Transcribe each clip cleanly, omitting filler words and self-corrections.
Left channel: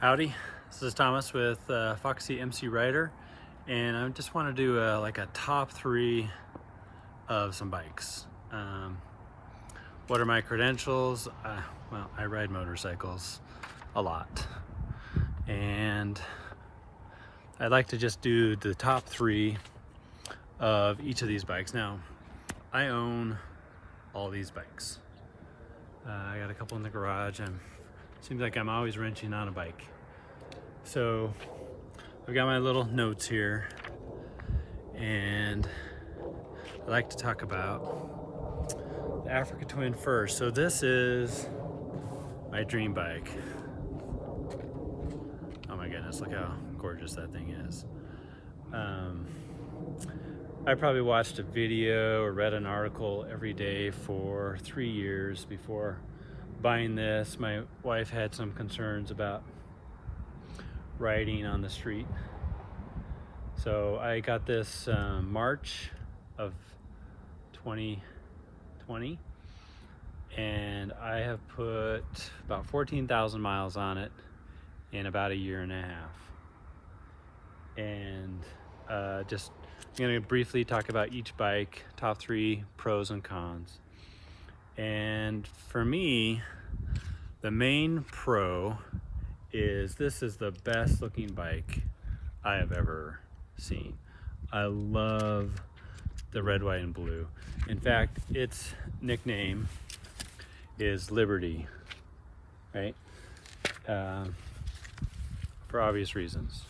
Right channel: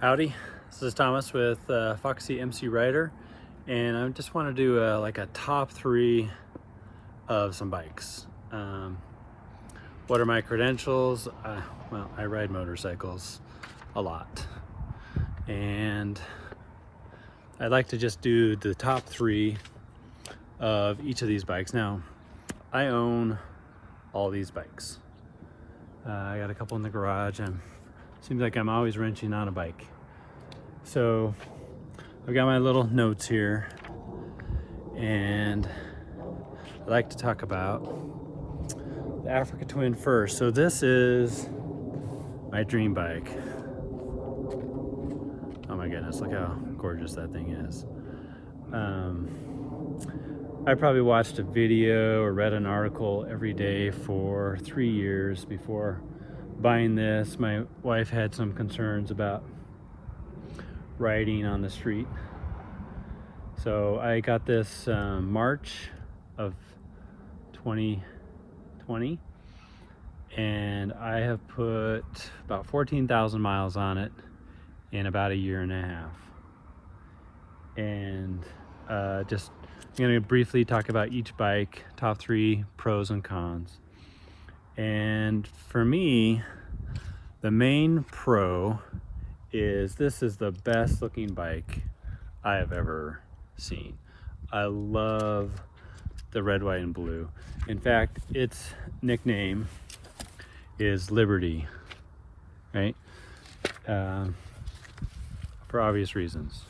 Howdy, this is Thomas with Foxy MC Rider, and I just want to do like a top 3 of some bikes. What are my credentials? Well, I ride motorcycles a lot, and I'd like to just do the top 3 of each of these bikes. Now, I own all these bikes. I got a couple in the garage, and seems like I'm always wrenching on a bike. So I've got my little notes here, and I'd like to talk about the Africa Twin first. So this is my dream bike. Oh my goodness, look how gorgeous that thing is. I probably watched a video or read an article every day for 3 years before buying this. My wife had some concerns about riding on the street, so I got this March of 2020, and I have put about 14,000 miles on it in about a year and a half. And I'm going to briefly talk about each bike, top 3 pros and cons. And for me, the main pro is this is the best looking bike I have ever seen. I love the red, white, and blue. In fact, its nickname is Liberty, right? For obvious reasons.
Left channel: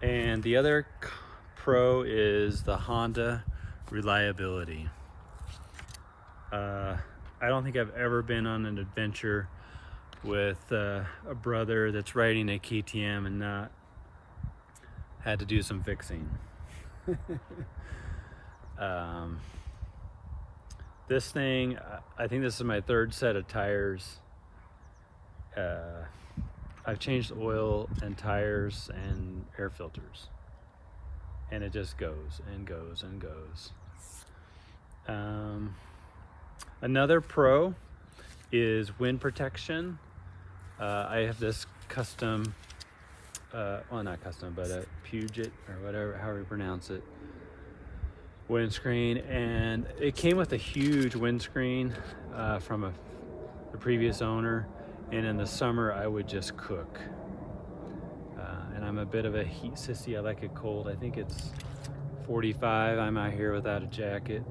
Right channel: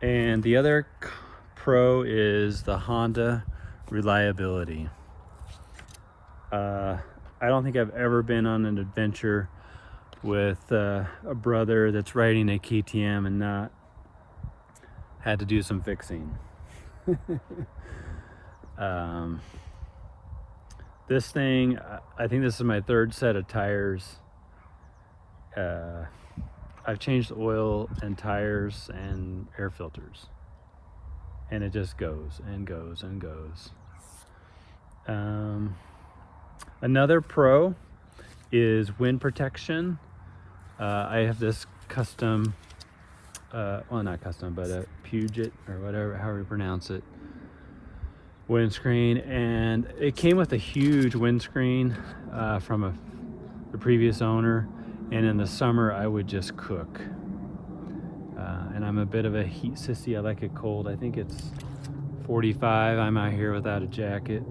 And the other pro is the Honda reliability. I don't think I've ever been on an adventure with a brother that's riding a KTM and not had to do some fixing. This thing, I think this is my 3rd set of tires. I've changed oil and tires and air filters, and it just goes and goes and goes. Another pro is wind protection. I have this custom, well, not custom, but a Puget or whatever, however you pronounce it, windscreen, and it came with a huge windscreen from the previous owner. And in the summer, I would just cook. And I'm a bit of a heat sissy. I like it cold. I think it's 45. I'm out here without a jacket.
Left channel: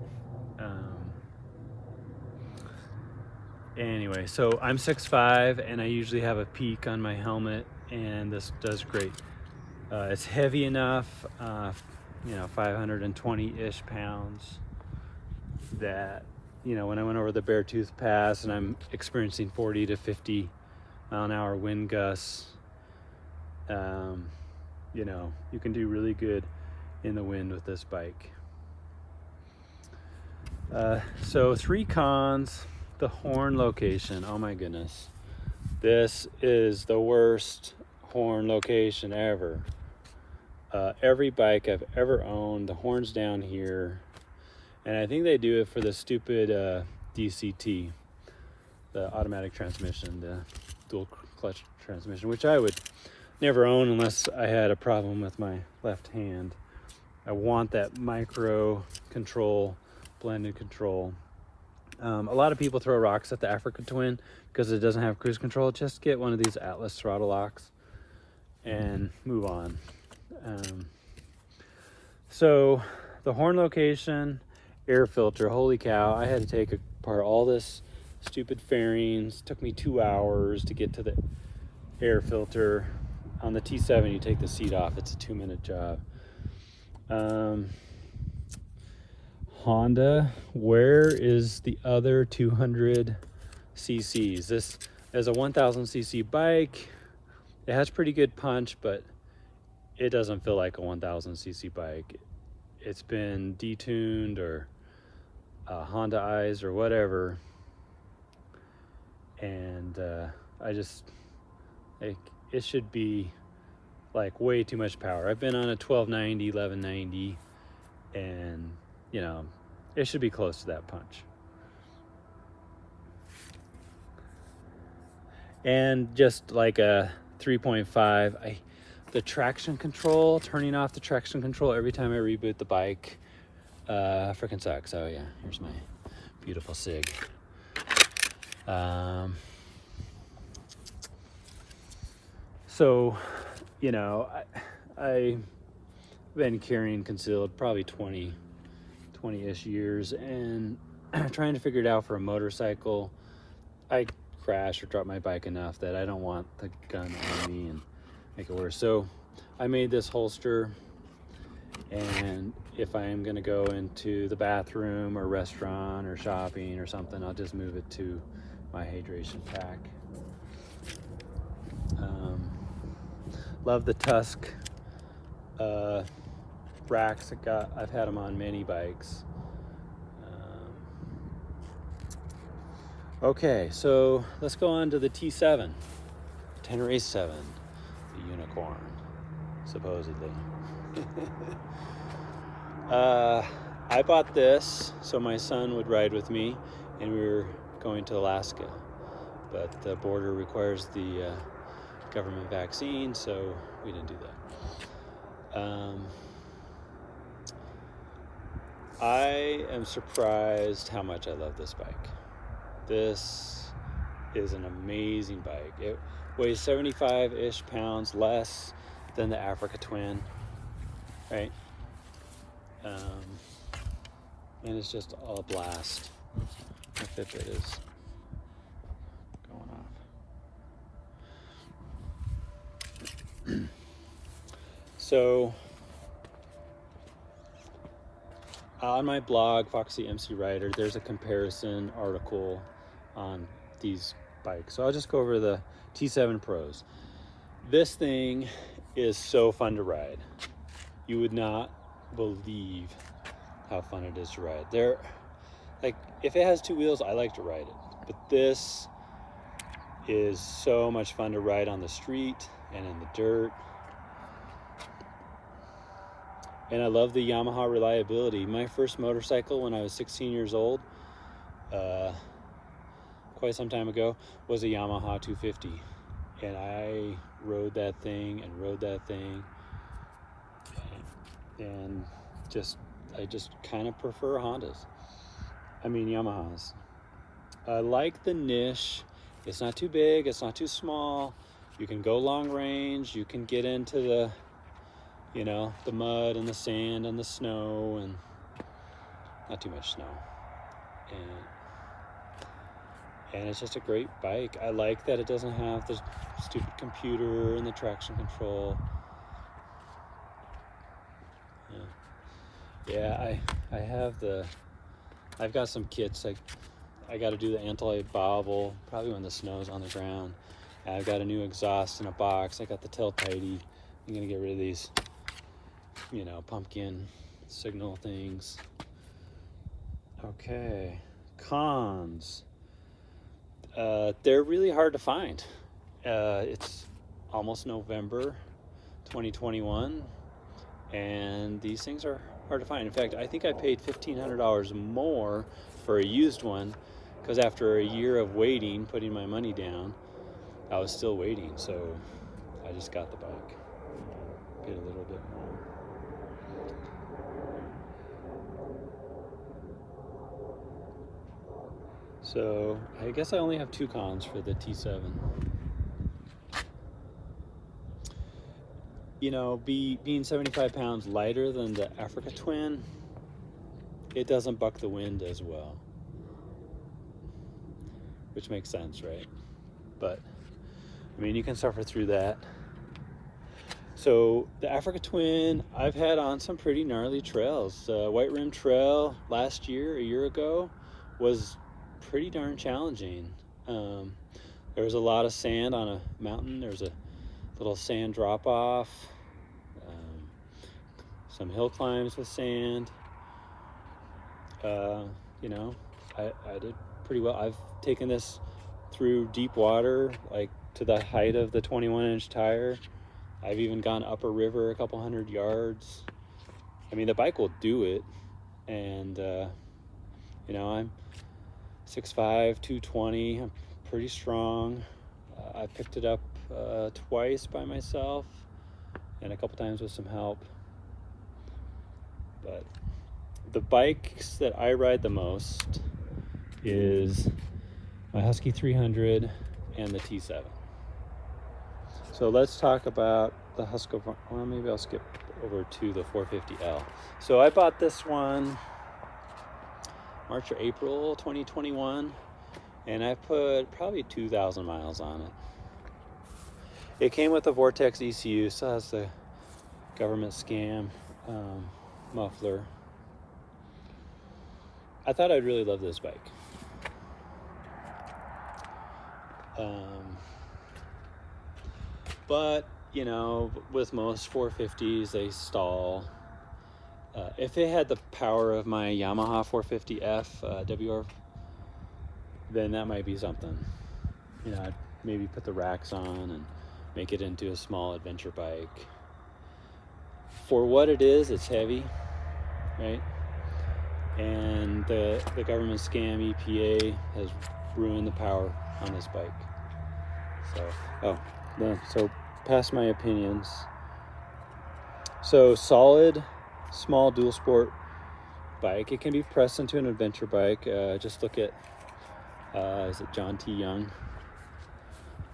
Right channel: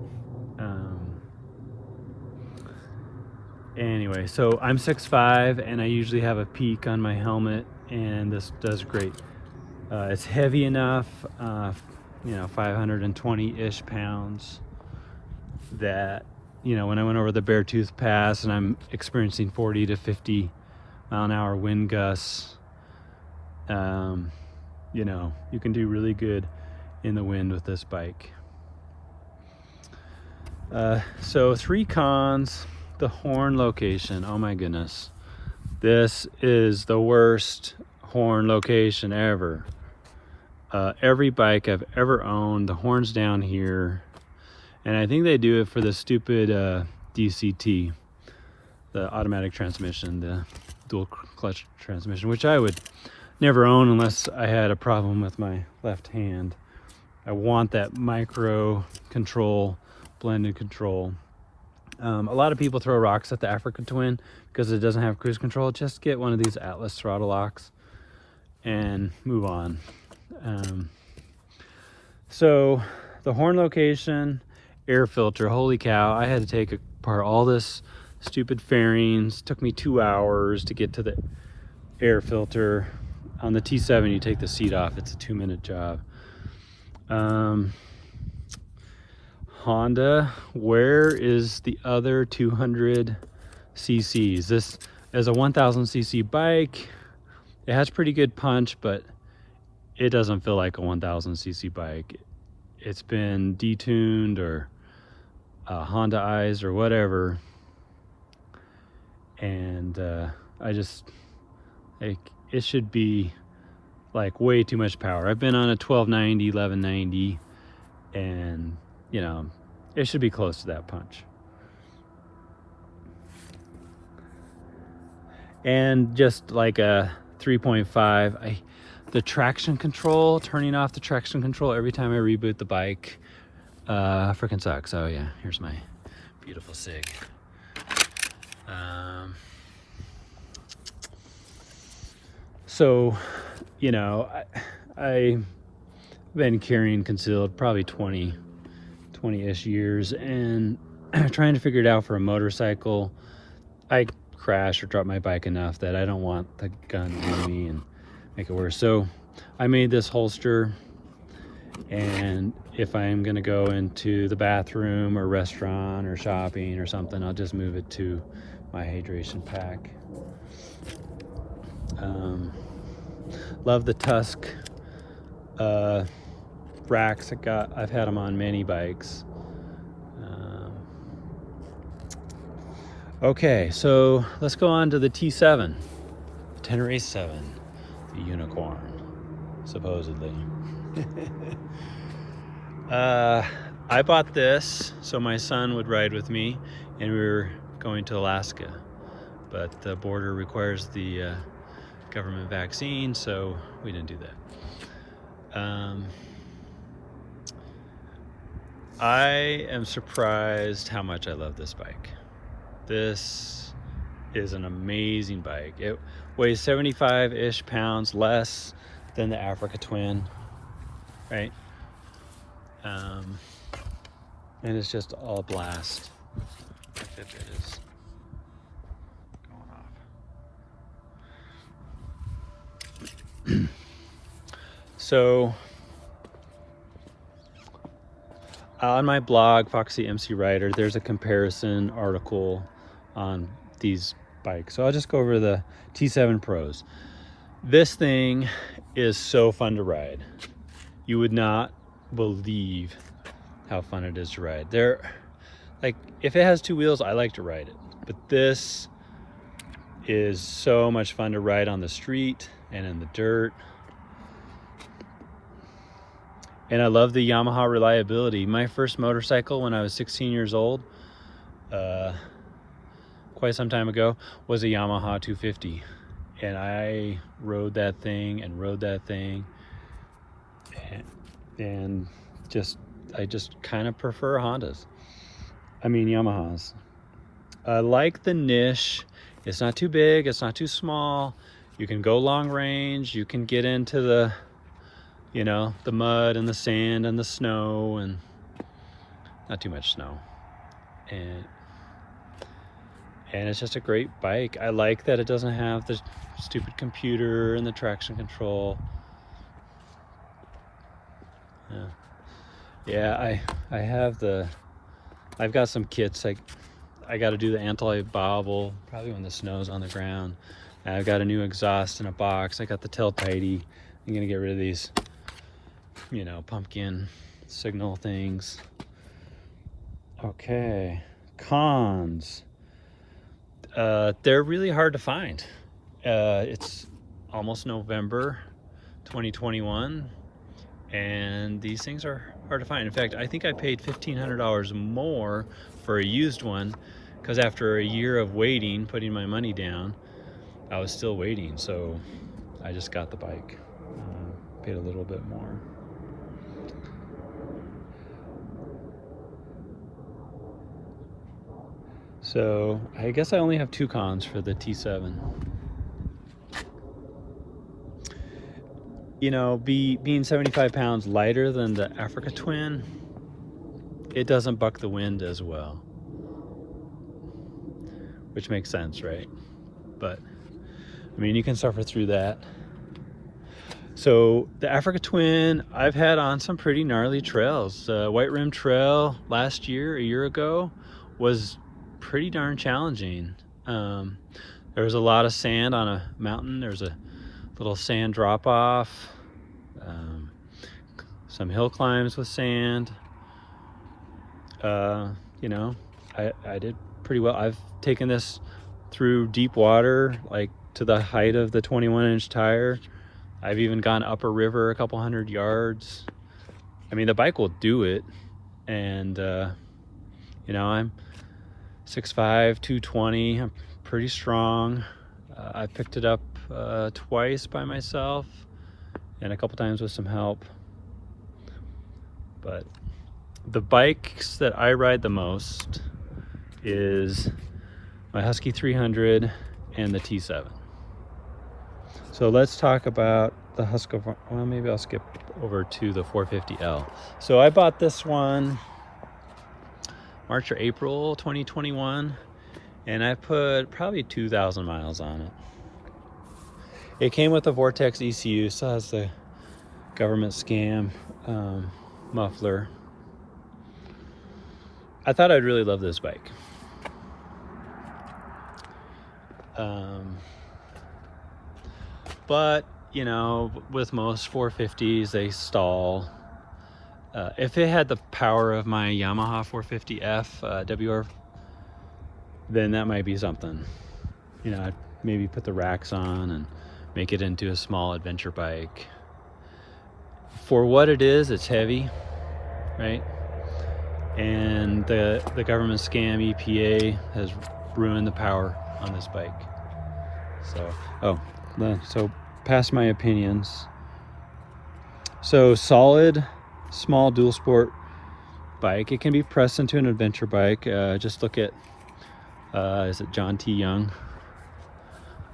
Anyway, so I'm 6'5", and I usually have a peak on my helmet, and this does great. It's heavy enough, 520-ish pounds, that when I went over the Beartooth Pass and I'm experiencing 40 to 50 mile an hour wind gusts, you can do really good in the wind with this bike. So 3 cons. The horn location. Oh my goodness. This is the worst horn location ever. Every bike I've ever owned, the horn's down here. And I think they do it for the stupid DCT, the automatic transmission, the dual clutch transmission, which I would never own unless I had a problem with my left hand. I want that micro control, blended control. A lot of people throw rocks at the Africa Twin because it doesn't have cruise control. Just get one of these Atlas throttle locks and move on. So the horn location, air filter, holy cow, I had to take apart all this stupid fairings. Took me 2 hours to get to the air filter. On the T7, you take the seat off. It's a 2-minute job. Honda, where is the other 200 cc's? This is a 1000 cc bike. It has pretty good punch, but it doesn't feel like a 1000 cc bike. It's been detuned or Hondaized or whatever, and it should be like way too much power. I've been on a 1290, 1190, and it should be close to that punch. and just like a 3.5. The traction control, turning off the traction control every time I reboot the bike, freaking sucks. Oh yeah, here's my beautiful Sig. So, you know, I've been carrying concealed probably 20-ish years, and trying to figure it out for a motorcycle. I crash or drop my bike enough that I don't want the gun near me and make it worse. So I made this holster, and if I'm gonna go into the bathroom or restaurant or shopping or something, I'll just move it to my hydration pack. Love the Tusk racks. I've had them on many bikes. Okay, so let's go on to the T7, Tenere 7, the unicorn, supposedly. I bought this so my son would ride with me, and we were going to Alaska, but the border requires the government vaccine, so we didn't do that. I am surprised how much I love this bike. This is an amazing bike. It weighs 75-ish pounds less than the Africa Twin, right? And it's just all blast. If it is going off. So on my blog, Foxy MC Rider, there's a comparison article on these bikes. So I'll just go over the T7 Pros. This thing is so fun to ride. You would not believe how fun it is to ride. Like, if it has two wheels, I like to ride it, but this is so much fun to ride on the street and in the dirt. And I love the Yamaha reliability. My first motorcycle when I was 16 years old, quite some time ago, was a Yamaha 250. And I rode that thing and rode that thing. And I just kind of prefer Hondas. I mean Yamahas. I like the niche. It's not too big, it's not too small. You can go long range, you can get into the, you know, the mud and the sand and the snow, and not too much snow. And it's just a great bike. I like that it doesn't have the stupid computer and the traction control. Yeah, I've got some kits. I got to do the anti-bobble probably when the snow's on the ground. I've got a new exhaust in a box. I got the tail tidy. I'm gonna get rid of these, you know, pumpkin signal things. Okay, cons. They're really hard to find. It's almost November 2021, and these things are hard to find. In fact, I think I paid $1,500 more for a used one, because after a year of waiting, putting my money down, I was still waiting, so I just got the bike. Paid a little bit more. So I guess I only have two cons for the T7. You know, being 75 pounds lighter than the Africa Twin, it doesn't buck the wind as well, which makes sense, right? But I mean, you can suffer through that. So the Africa Twin, I've had on some pretty gnarly trails. White Rim Trail last year, a year ago, was pretty darn challenging. There was a lot of sand on a mountain. There's a little sand drop off, some hill climbs with sand. You know, I did pretty well. I've taken this through deep water, like to the height of the 21-inch tire. I've even gone up a river a couple hundred yards. I mean, the bike will do it. And you know, I'm 6'5", 220. I'm pretty strong. I picked it up twice by myself and a couple times with some help. But the bikes that I ride the most is my Husky 300 and the T7. So let's talk about the Husky. Well, maybe I'll skip over to the 450L. So I bought this one March or April 2021, and I put probably 2,000 miles on it. It came with a Vortex ECU, so it has the government scam muffler. I thought I'd really love this bike. But you know, with most 450s, they stall. If it had the power of my Yamaha 450F WR, then that might be something. You know, I'd maybe put the racks on and make it into a small adventure bike. For what it is, it's heavy, right? And the government scam EPA has ruined the power on this bike. So, so past my opinions. So solid, small dual sport bike. It can be pressed into an adventure bike. Just look at, is it John T. Young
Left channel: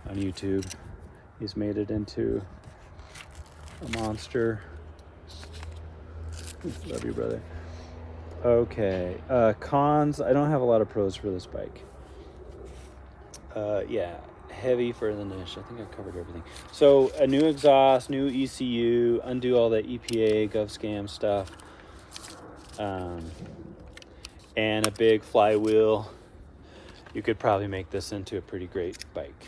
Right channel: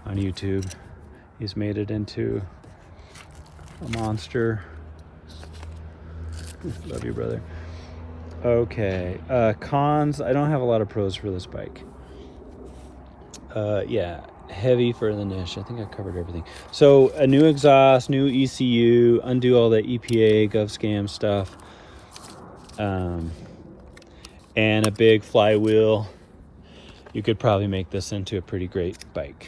on YouTube? He's made it into a monster. Love you, brother. Okay, cons. I don't have a lot of pros for this bike. Yeah, heavy for the niche. I think I covered everything. So a new exhaust, new ECU, undo all the EPA GovScam stuff, and a big flywheel. You could probably make this into a pretty great bike.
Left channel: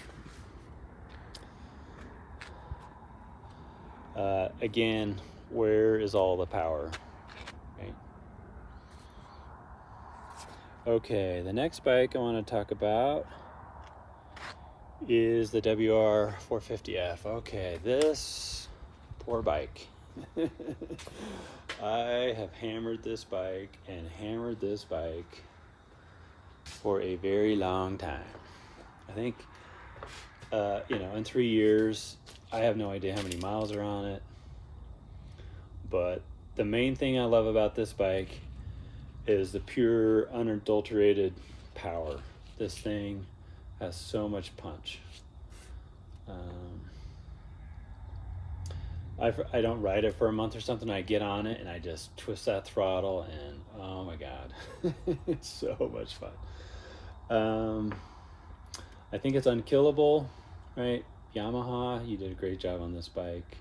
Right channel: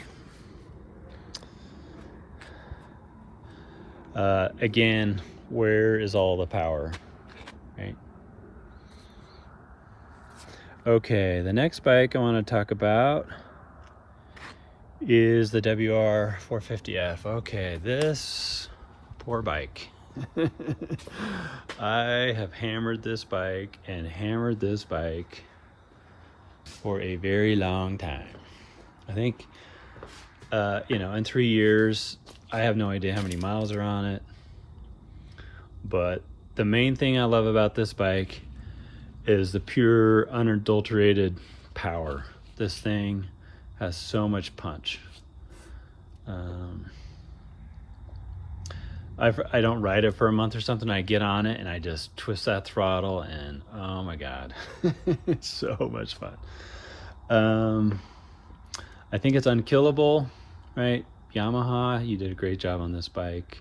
Again, where is all the power, right? Okay, the next bike I want to talk about is the WR 450F. Okay, this poor bike. I have hammered this bike and hammered this bike for a very long time. I think, you know, in 3 years, I have no idea how many miles are on it. But the main thing I love about this bike is the pure, unadulterated power. This thing has so much punch. I don't ride it for a month or something. I get on it and I just twist that throttle and oh my God, it's so much fun. I think it's unkillable, right? Yamaha, you did a great job on this bike.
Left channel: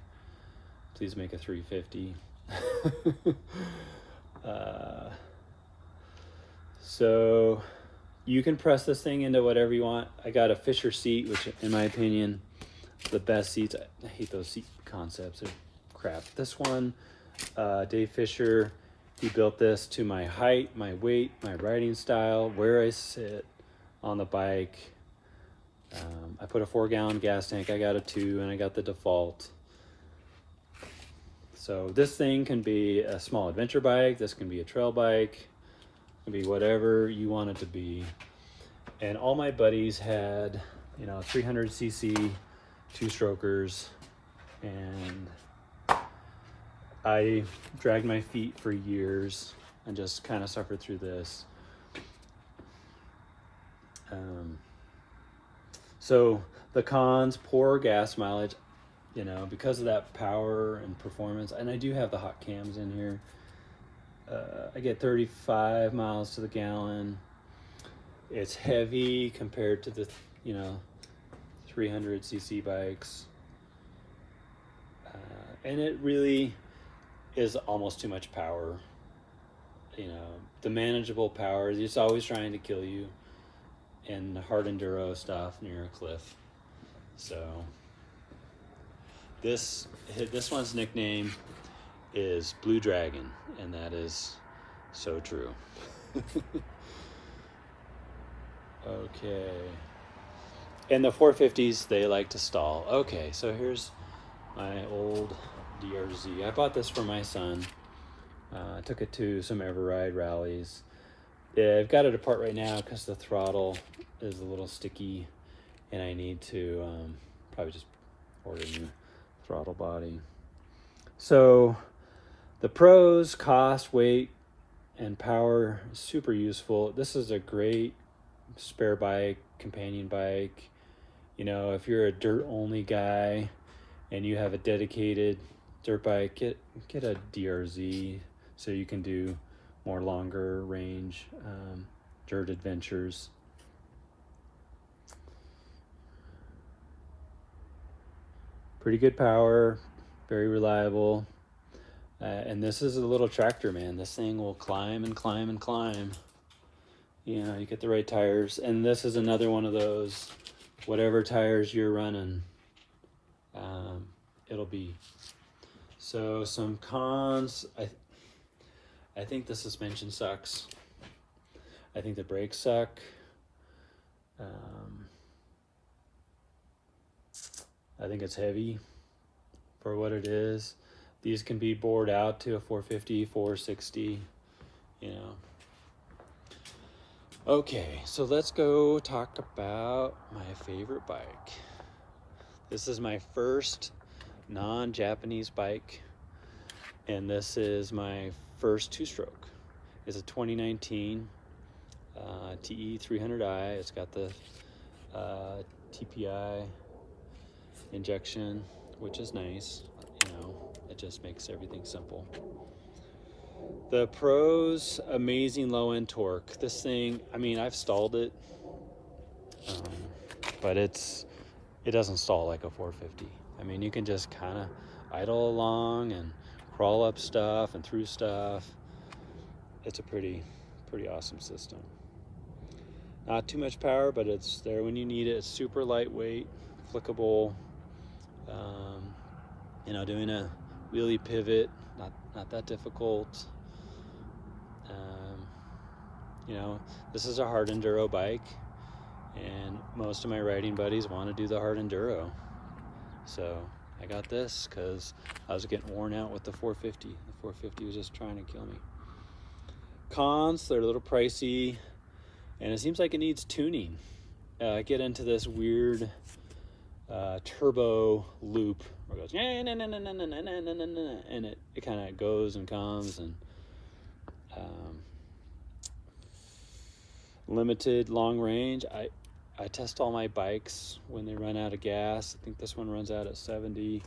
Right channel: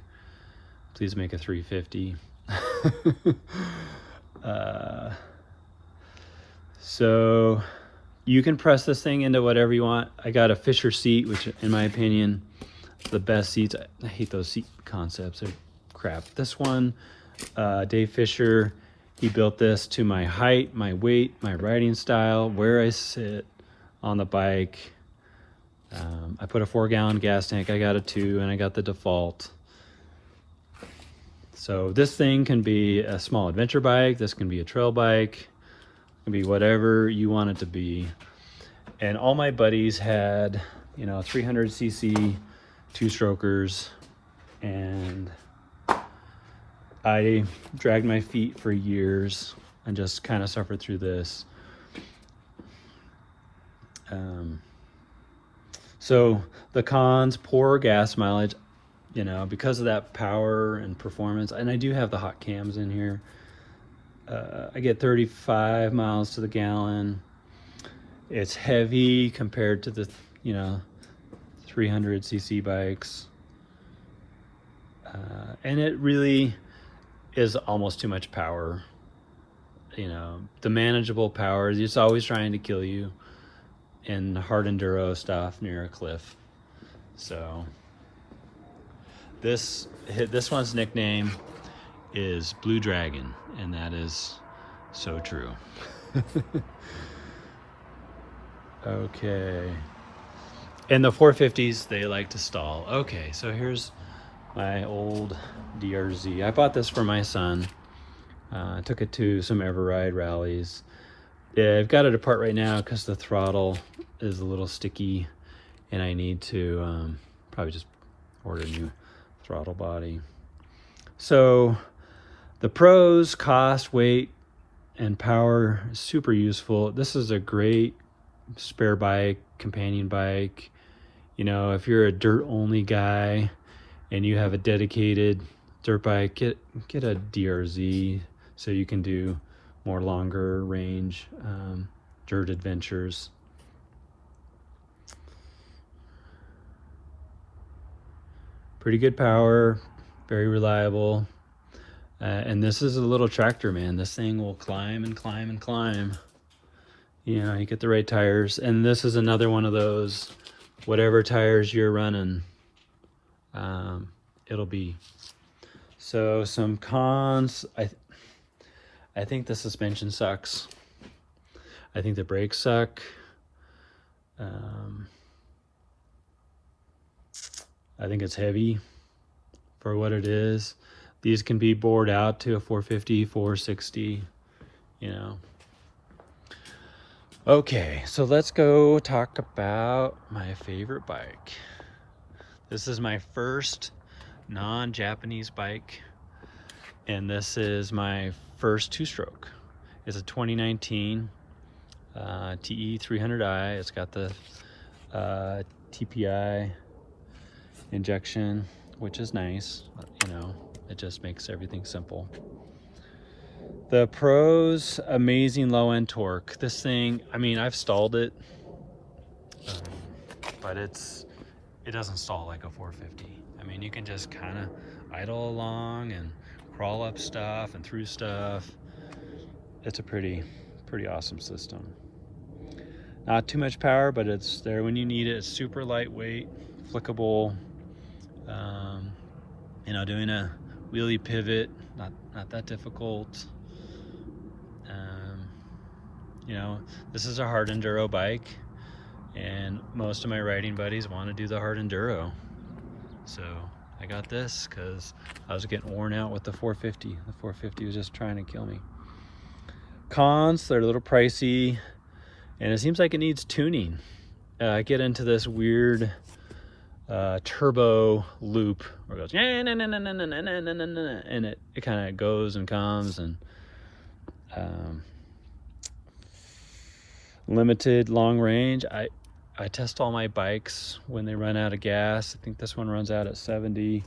Please make a 350. So you can press this thing into whatever you want. I got a Fisher seat, which in my opinion, the best seats. I hate those seat concepts, they're crap. This one, Dave Fisher, he built this to my height, my weight, my riding style, where I sit on the bike. I put a 4-gallon gas tank, I got a 2, and I got the default. So this thing can be a small adventure bike, this can be a trail bike, it can be whatever you want it to be. And all my buddies had, you know, 300cc 2-strokers, and I dragged my feet for years and just kind of suffered through this. So the cons, poor gas mileage, you know, because of that power and performance. And I do have the hot cams in here. I get 35 miles to the gallon. It's heavy compared to the, you know, 300cc bikes. And it really is almost too much power. You know, the manageable power, it's always trying to kill you in hard enduro stuff near a cliff. So this one's nickname is Blue Dragon, and that is so true. Okay. And the 450s, they like to stall. Okay, so here's my old DRZ. I bought this for my son. I took it to some Everride rallies. Yeah, I've got it apart right now because the throttle is a little sticky and I need to probably just order a new throttle body. So the pros: cost, weight, and power, super useful. This is a great spare bike, companion bike. You know, if you're a dirt only guy and you have a dedicated dirt bike, get a DRZ so you can do more longer range dirt adventures. Pretty good power, very reliable. And this is a little tractor, man. This thing will climb and climb and climb. You know, you get the right tires. And this is another one of those, whatever tires you're running, it'll be. So some cons, I think the suspension sucks. I think the brakes suck. I think it's heavy for what it is. These can be bored out to a 450, 460, you know. Okay, so let's go talk about my favorite bike. This is my first non-Japanese bike, and this is my first two-stroke. It's a 2019 TE 300i. It's got the TPI injection, which is nice, you know. It just makes everything simple. The pros: amazing low end torque. This thing, I mean, I've stalled it, but it doesn't stall like a 450. I mean, you can just kind of idle along and crawl up stuff and through stuff. It's a pretty awesome system. Not too much power, but it's there when you need it. It's super lightweight, flickable. You know, doing a wheelie pivot, not that difficult. You know, this is a hard enduro bike, and most of my riding buddies want to do the hard enduro. So I got this because I was getting worn out with the 450. The 450 was just trying to kill me. Cons: they're a little pricey, and it seems like it needs tuning. I get into this weird turbo loop where it goes, and it kind of goes and comes, and limited long range. I test all my bikes when they run out of gas. I think this one runs out at 70.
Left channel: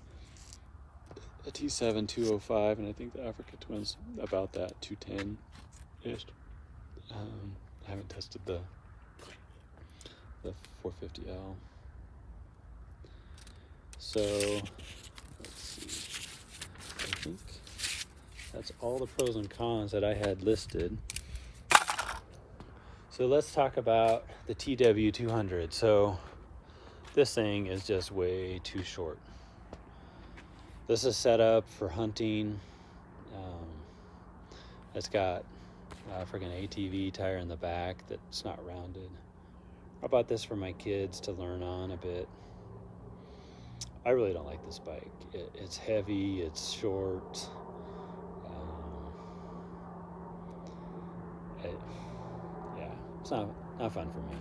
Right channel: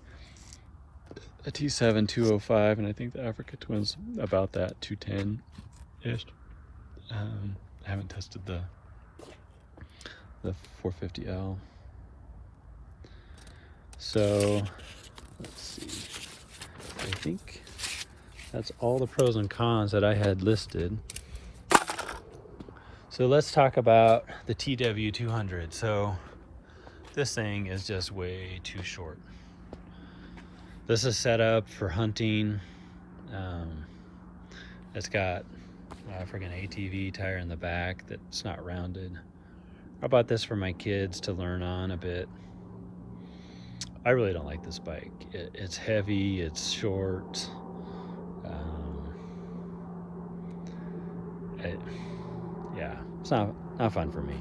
A T7 205, and I think the Africa Twin's about that, 210-ish. I haven't tested the 450L. So let's see. I think that's all the pros and cons that I had listed. So let's talk about the TW200. So this thing is just way too short. This is set up for hunting. It's got a freaking ATV tire in the back that's not rounded. I bought this for my kids to learn on a bit. I really don't like this bike. It's heavy, it's short. Yeah, it's not fun for me.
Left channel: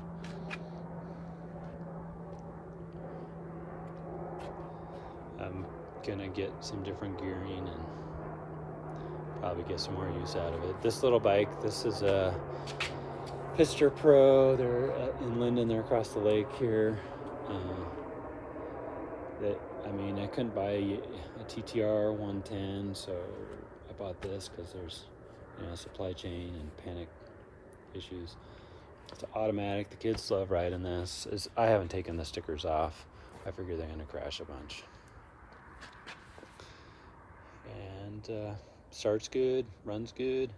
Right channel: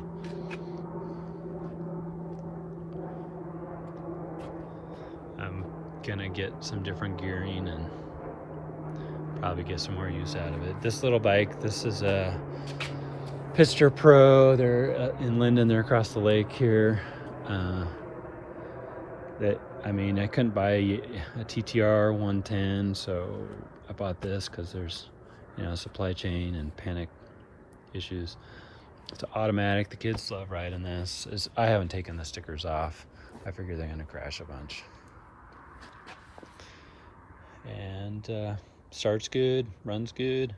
I'm gonna get some different gearing and probably get some more use out of it. This little bike, this is a pisterpro. They're in Linden. They're across the lake here. I mean, I couldn't buy a TTR 110, so I bought this because there's, you know, supply chain and panic issues. It's automatic. The kids love riding this. I haven't taken the stickers off. I figure they're gonna crash a bunch. And starts good, runs good.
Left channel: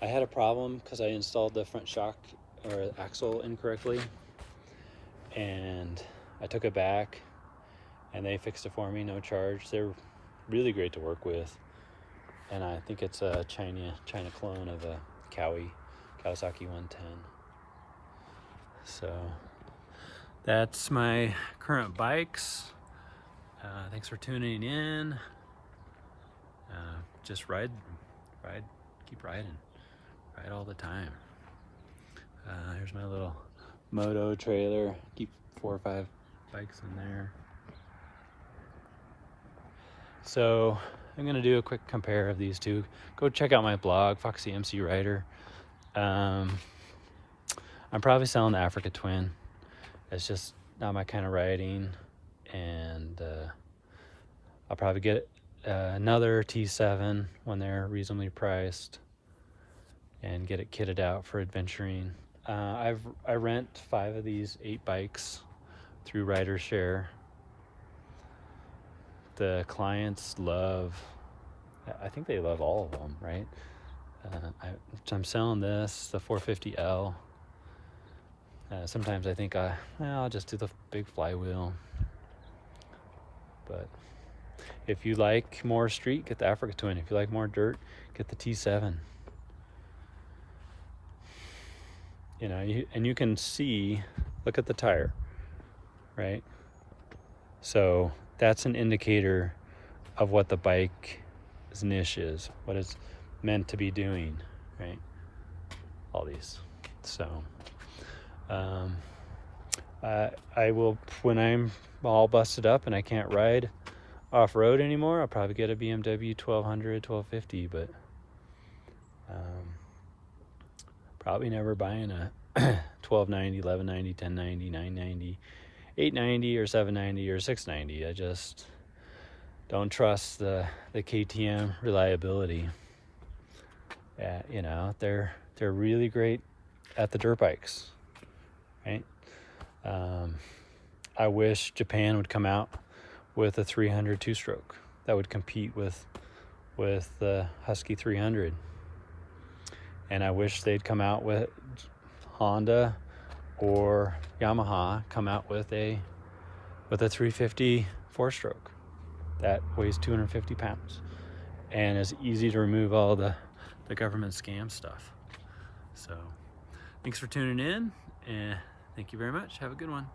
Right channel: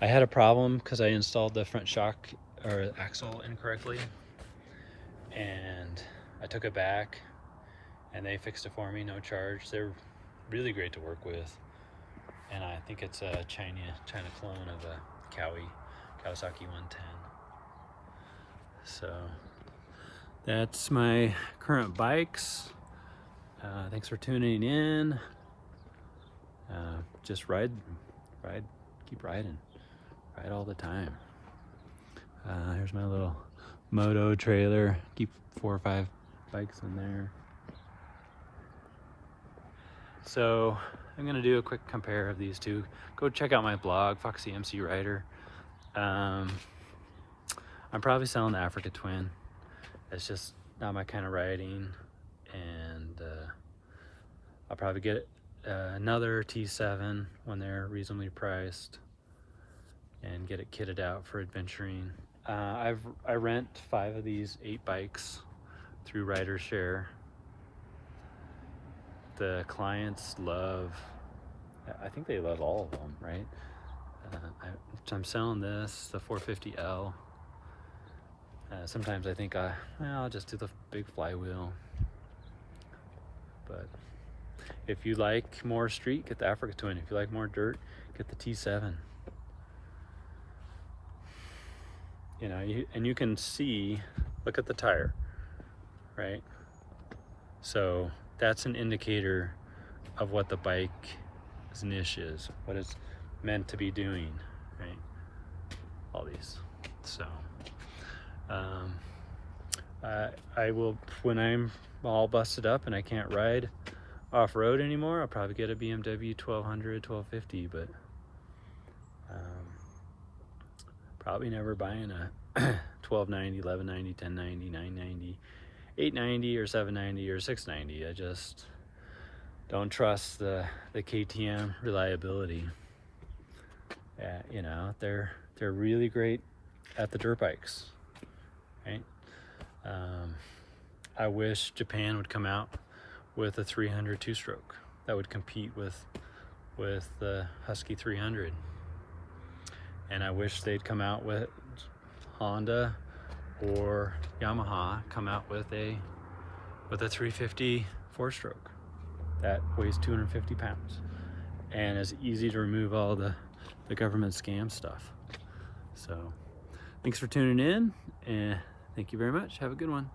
I had a problem because I installed the front shock or axle incorrectly, and I took it back and they fixed it for me, no charge. They're really great to work with, and I think it's a China clone of a Kawasaki 110. So that's my current bikes. Thanks for tuning in. Just ride, keep riding, ride all the time. Here's my little moto trailer. Keep 4 or 5 bikes in there. So I'm gonna do a quick compare of these two. Go check out my blog, Foxy MC Rider. I'm probably selling the Africa Twin. It's just not my kind of riding, and I'll probably get another T7 when they're reasonably priced and get it kitted out for adventuring. I rent 5 of these 8 bikes through Rider Share. The clients I think they love all of them, right? I'm selling this, the 450L. Sometimes I think I'll just do the big flywheel. But if you like more street, get the Africa Twin. If you like more dirt, get the T7. You know, and you can see, look at the tire, right? So that's an indicator of what the bike's niche is, what it's meant to be doing, right? All these. So I will, when I'm all busted up and I can't ride off-road anymore, I'll probably get a BMW 1200, 1250, but probably never buying a 1290, 1190, 1090, 990, 890 or 790 or 690. I just don't trust the KTM reliability. You know, they're really great at the dirt bikes, right? I wish Japan would come out with a 300 two-stroke that would compete with the Husky 300, and I wish they'd come out with Honda or Yamaha come out with a 350 4-stroke that weighs 250 pounds and is easy to remove all the government scam stuff. So thanks for tuning in, and thank you very much. Have a good one.